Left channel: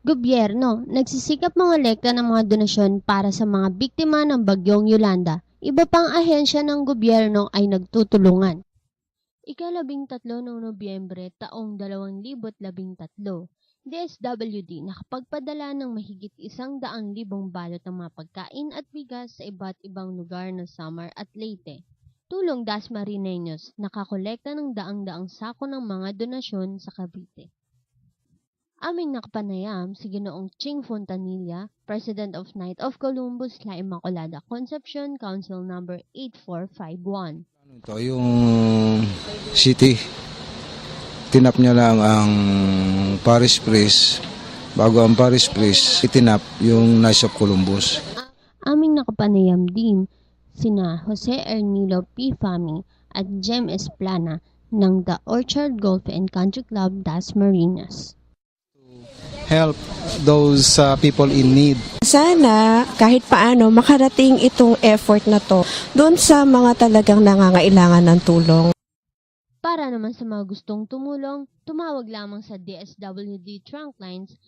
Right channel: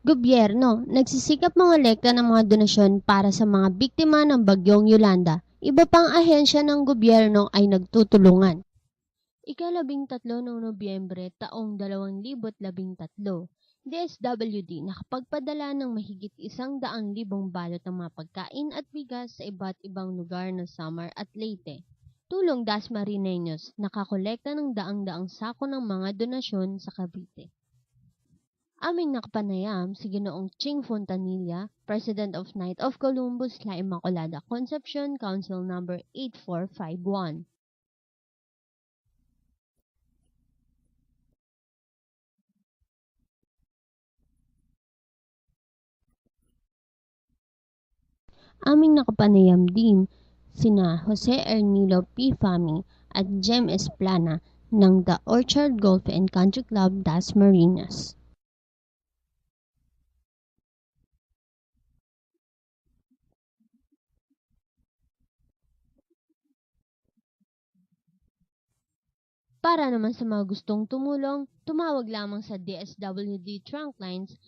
Gobyerno, nagsisikap mangolekta ng mga donasyon para sa mga biktima ng bagyong Yolanda. Iba pang ahensya ng gobyerno ay nagtutulungan. Ika-13 ng Nobyembre taong 2013, DSWD nakapagpadala ng mahigit 100,000 balot ng mga pagkain at bigas sa iba't ibang lugar ng Samar at Leyte. Tulong Dasmariñeños, nakakolekta ng daang-daang sako ng mga donasyon sa Cavite. Aming nakapanayam si Ginoong Ching Fontanilla, President of Knight of Columbus, La Immaculada Concepcion, Council Number 8451. Ito yung city. Tinap niya lang ang Paris Priest. Bago ang Paris Priest, itinap yung Knights of Columbus. Aming nakapanayam din sina Jose Ernilo P. Fami at Jem Esplana ng The Orchard Golf and Country Club Dasmariñas. Help those people in need. Sana kahit paano makarating itong effort na to doon sa mga talagang nangangailangan ng tulong. Para naman sa mga gustong tumulong, tumawag lamang sa DSWD Trunk Lines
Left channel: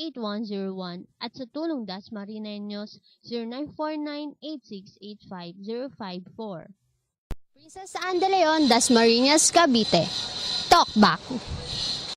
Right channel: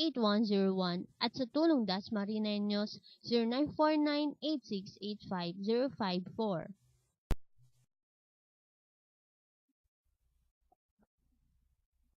632-931-8101 at sa Tulong Dasmariñeños 0949-8685-054. Princess Anne de Leon, Dasmariñas, Cavite. Talk back.